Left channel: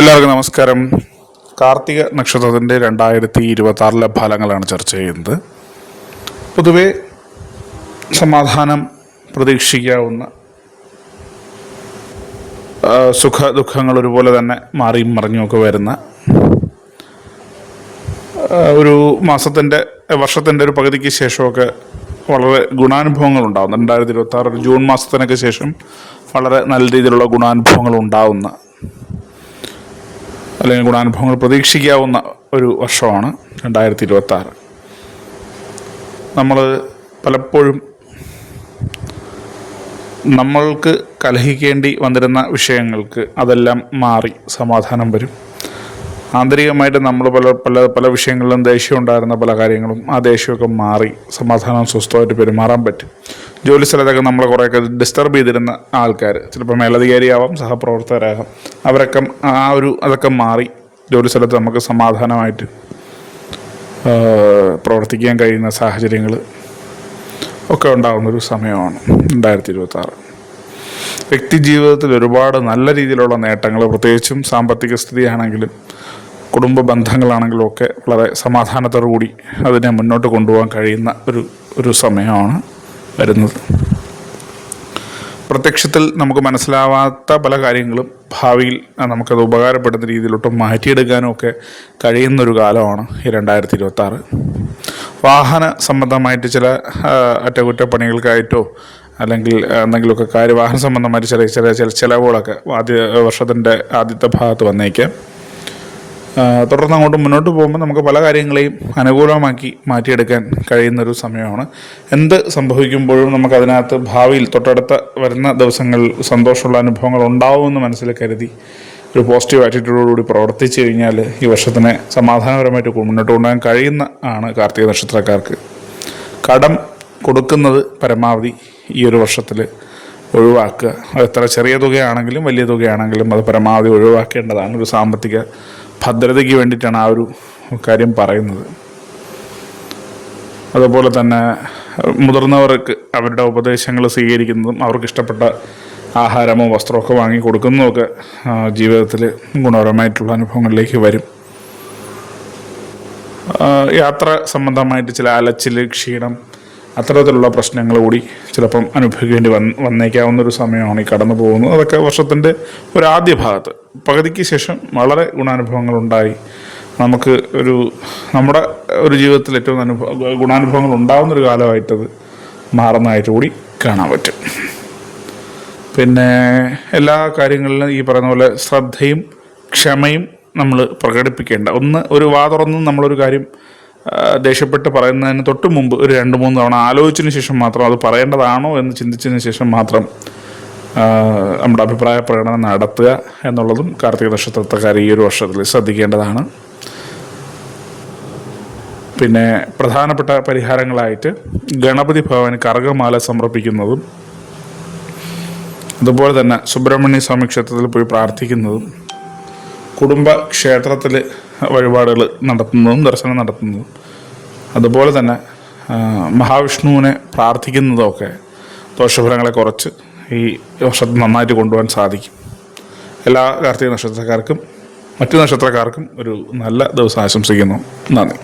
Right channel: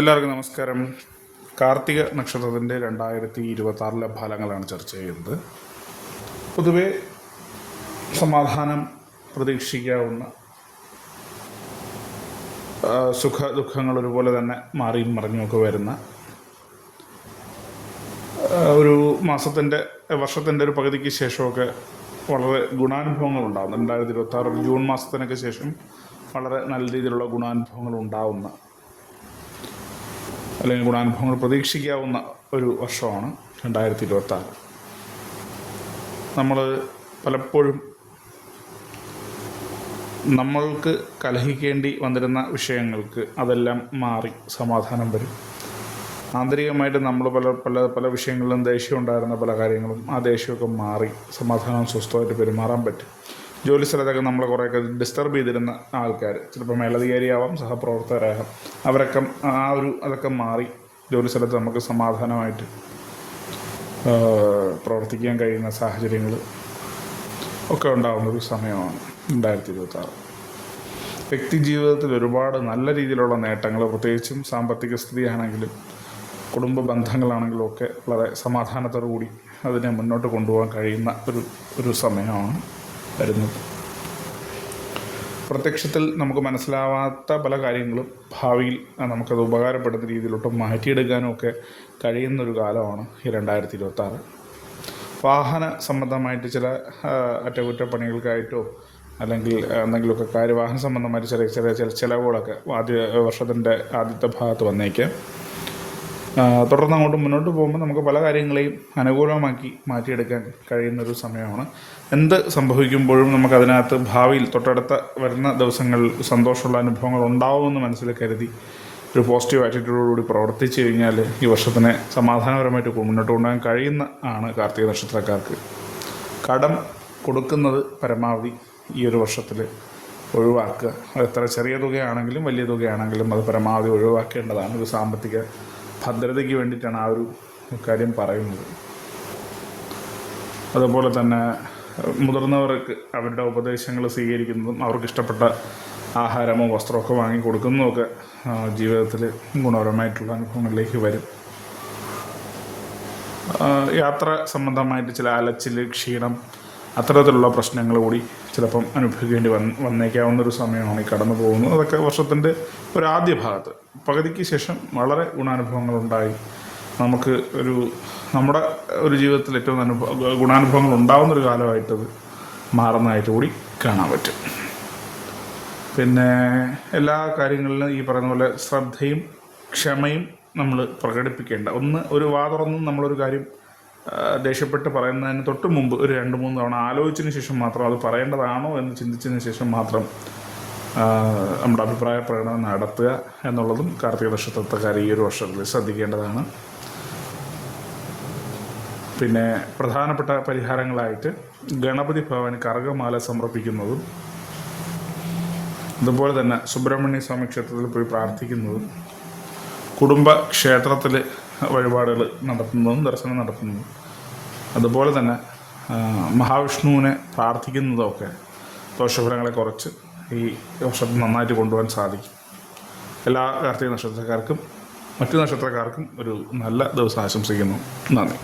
എല്ലാവർക്കും നമസ്കാരം. കാർത്തിക നക്ഷത്രത്തിൻ്റെ 2026 ഫലങ്ങളാണ് ചർച്ച ചെയ്യുന്നത്. പൊതുവെ സമാധാനം പ്രതീക്ഷിക്കാവുന്ന, സുഖ ദുഃഖങ്ങൾ ഒരുപോലെ തന്നെ മാറിയും മറിഞ്ഞുമൊക്കെ വരുന്ന ഒരു വർഷത്തിൻ്റെ ഒരു പകുതിക്ക് ശേഷമൊക്കെ വളരെ ഗുണാനുഭവങ്ങൾ ഉണ്ടാകുന്നു. 2026 ജൂൺ മാസത്തിനൊക്കെ ശേഷം വളരെ നല്ല രീതിയിലുള്ള ഗുണാനുഭവങ്ങൾ ഉണ്ടാകുന്ന, അല്ലെങ്കിൽ ഗുണാനുഭവങ്ങൾ പ്രതീക്ഷിക്കാവുന്ന ഒരു വർഷമാണ് 2026. നമ്മൾ പലപ്പോഴും നമ്മൾക്ക് കലഹിക്കേണ്ടി വന്നിരുന്ന വിഷയങ്ങൾക്ക് അതെല്ലാം മാറി സമാധാനം വരും. ആന്തരികമായിട്ട് നമ്മൾ പല വിഷയങ്ങളിലും ദേഷ്യം ഉണ്ടായിരുന്ന പല കാര്യങ്ങളും ആ ദേഷ്യമൊക്കെ മാറി സമാധാനം സ്വസ്ഥമായിട്ട് പെരുമാറാൻ പറ്റും. ജോലി സ്ഥലത്തൊക്കെ നമ്മളെ കുറേയൊക്കെ ഡിസ്റ്റർബ് ചെയ്തിരുന്ന ആൾക്കാർ, ചിലപ്പോൾ മേലധികാരിയാവാം, സഹപ്രവർത്തകരാകാം, അവരൊക്കെ അതൊക്കെ മാറി ജോലി സ്ഥലത്ത് നമുക്ക് സമാധാനമായിട്ട് പ്രവർത്തിക്കാൻ കഴിയുന്ന സാഹചര്യങ്ങൾ ഒക്കെ ഉണ്ടാകുന്നൊരു സമയമാണ് 2026. വ്യക്തി ജീവിതത്തിൽ ഒരുപാട് നല്ല രീതിയിലുള്ള നേട്ടങ്ങൾ, പ്രത്യേകിച്ചും സാമ്പത്തിക സ്ഥിതിയാണെങ്കിലും കുടുംബ ബന്ധങ്ങളാണെങ്കിലും ഒക്കെ വളരെ സമാധാനത്തോടു കൂടി അതിനെ മുന്നോട്ട് കൊണ്ടുപോകാൻ കഴിയുന്ന ഒരു സമയമാണ് വരുന്നത്. പ്രത്യക്ഷത്തിൽ നമുക്ക് മനസ്സിലാവാത്ത പല കാര്യങ്ങളും ഭാവിയിൽ നമുക്കത് ഉപകാരപ്പെടുന്ന രീതിയിലോട്ട് മാറ്റിയെടുക്കാനും ഒക്കെ കഴിയുന്നൊരു കാലമാണ് ഈ 2026. വാഹന സംബന്ധമായിട്ട് ചില അറ്റകുറ്റപ്പണികൾക്കായിട്ടോ അല്ലെങ്കിൽ എന്തെങ്കിലുമൊക്കെ വാഹന സംബന്ധമായിട്ട് ചില ചിലവുകളൊക്കെ വർഷത്തിൻ്റെ ആദ്യത്തെ ഭാഗത്ത് വന്നേക്കാം. തുടർന്ന് അങ്ങോട്ട് മുന്നോട്ട് പോകുമ്പോൾ നമുക്ക് പല കാര്യങ്ങളെയും അനുകൂലമാക്കി മാറ്റിയെടുക്കാൻ കഴിയുന്നൊരു സമയമാണ്. എന്ത് സംഭവിക്കുമ്പോഴും നമുക്കതിനകത്ത് ഭാവിയിൽ തൊട്ടടുത്ത വരുന്ന ദിവസങ്ങളിൽ സന്തോഷമുള്ള അനുഭവങ്ങൾ ഉണ്ടാവുമെന്ന് മനസ്സിൽ കരുതി ഒരു പോസിറ്റീവ് ആറ്റിറ്റ്യൂഡോടുകൂടി പ്രവർത്തിച്ചു കഴിഞ്ഞാൽ ഈ വർഷത്തിനെ സമാധാനപരമായിട്ട് മുന്നോട്ട് കൊണ്ടുപോകാൻ കഴിയുന്ന ആണ് കാർത്തിക നക്ഷത്രക്കാർക്ക്. കടം കൊടുക്കുന്നത് പരമാവധി ഈ ഒരു വർഷത്തിൽ ഒഴിവാക്കുക. അത് എത്ര ചെറിയ തുകയാണെങ്കിലും വലിയ തുകയാണെങ്കിലും അത് പരമാവധി ഒഴിവാക്കേണ്ടതാണ്. ഒരു സാമ്പത്തിക ഭദ്രതയ്ക്ക് വേണ്ടിയിട്ടാണ് ആ ഒരു കാര്യം പറയുന്നത്. അതുപോലെ തന്നെ മുതിർന്നവർക്ക് അവരുടെ ഉപദേശങ്ങൾ സ്വീകരിക്കുന്നതും അവർക്ക് ഇഷ്ടപ്പെട്ട ആഹാരമോ വസ്ത്രമൊക്കെ വാങ്ങി കൊടുക്കുന്നതൊക്കെ ജീവിതത്തിൽ ഗുണപരമായിട്ടുള്ള അനുഭവങ്ങളിലേക്ക് വരും. യാത്ര സംബന്ധമായിട്ട് ചില അലച്ചിൽ, ക്ഷീണം, അത്തരത്തിലുള്ള പ്രശ്നങ്ങൾ കൂടി ചിലപ്പം അനുഭവിക്കേണ്ടി വന്നേക്കാവുന്നൊരു സമയമാണ് ഈ കടന്നു പോകുന്നത്. അതൊക്കെ വർഷത്തിൻ്റെ ആദ്യ ഭാഗത്ത് പകുതിക്ക് ശേഷം വളരെ ഗുണാനുഭവങ്ങളുണ്ടായി നമുക്ക് നമ്മുടെ ഒരു ജീവിതത്തിൽ ഏറ്റവും ഗുണാനുഭവങ്ങൾ ഉണ്ടാകുന്നൊരു കാലമായിട്ടത് മാറുന്നതായിട്ട് കൂടി കാണാൻ പറ്റും. പിന്നെ എല്ലാ കാര്യങ്ങളിലും ഈ പറയുന്ന പോലെ ശ്രദ്ധയും ക്ഷമയും നമ്മൾ പ്രകടിപ്പിക്കേണ്ട. ഒരു വാ തുറന്ന് നമ്മളൊരു കാര്യം ദേഷ്യപ്പെട്ട് പറയുന്നതിന് തൊട്ട് മുമ്പ് ഒരു 2-3 തവണ ആലോചിച്ചതിന് ശേഷം മാത്രം അത് പറയേണ്ടതാണോ എന്ന് ചിന്തിച്ചതിന് ശേഷം മാത്രം നമ്മുടെ അഭിപ്രായ പ്രകടനം നടത്തുക എന്നുള്ളതും കാർത്തിക നക്ഷത്രക്കാർ ഈ ഒരു വർഷത്തിൽ ശ്രദ്ധിക്കേണ്ടതാണ്. പിന്നെ പ്രധാനപ്പെട്ട പരിഹാരങ്ങളായിട്ട് ഗണപതി ഭവന് കർഗമാല സമർപ്പിക്കുന്നതും അതുപോലെ തന്നെ സുബ്രഹ്മണ്യ സ്വാമി ക്ഷേത്രത്തിൽ പോയി പ്രാർത്ഥിക്കുന്നതും കുടുംബ ക്ഷേത്രത്തിൽ വഴിപാടുകൾ നടത്തുന്നതും ദർശനം നടത്തുന്നതും അതുപോലെ തന്നെ മഹാവിഷ്ണുവിനെ പ്രാർത്ഥിക്കുന്നതൊക്കെ ദോഷഫലങ്ങളെ കുറച്ച് ഈ വർഷത്തിൽ നന്നായിട്ട് കൊണ്ടുപോകാൻ സാധിക്കും. എല്ലാ കാർത്തിക നക്ഷത്രക്കാർക്കും മറ്റു നക്ഷത്രക്കാർക്കും ഒരു നല്ല ദിവസം ആശംസിക്കുന്നു. നന്ദി.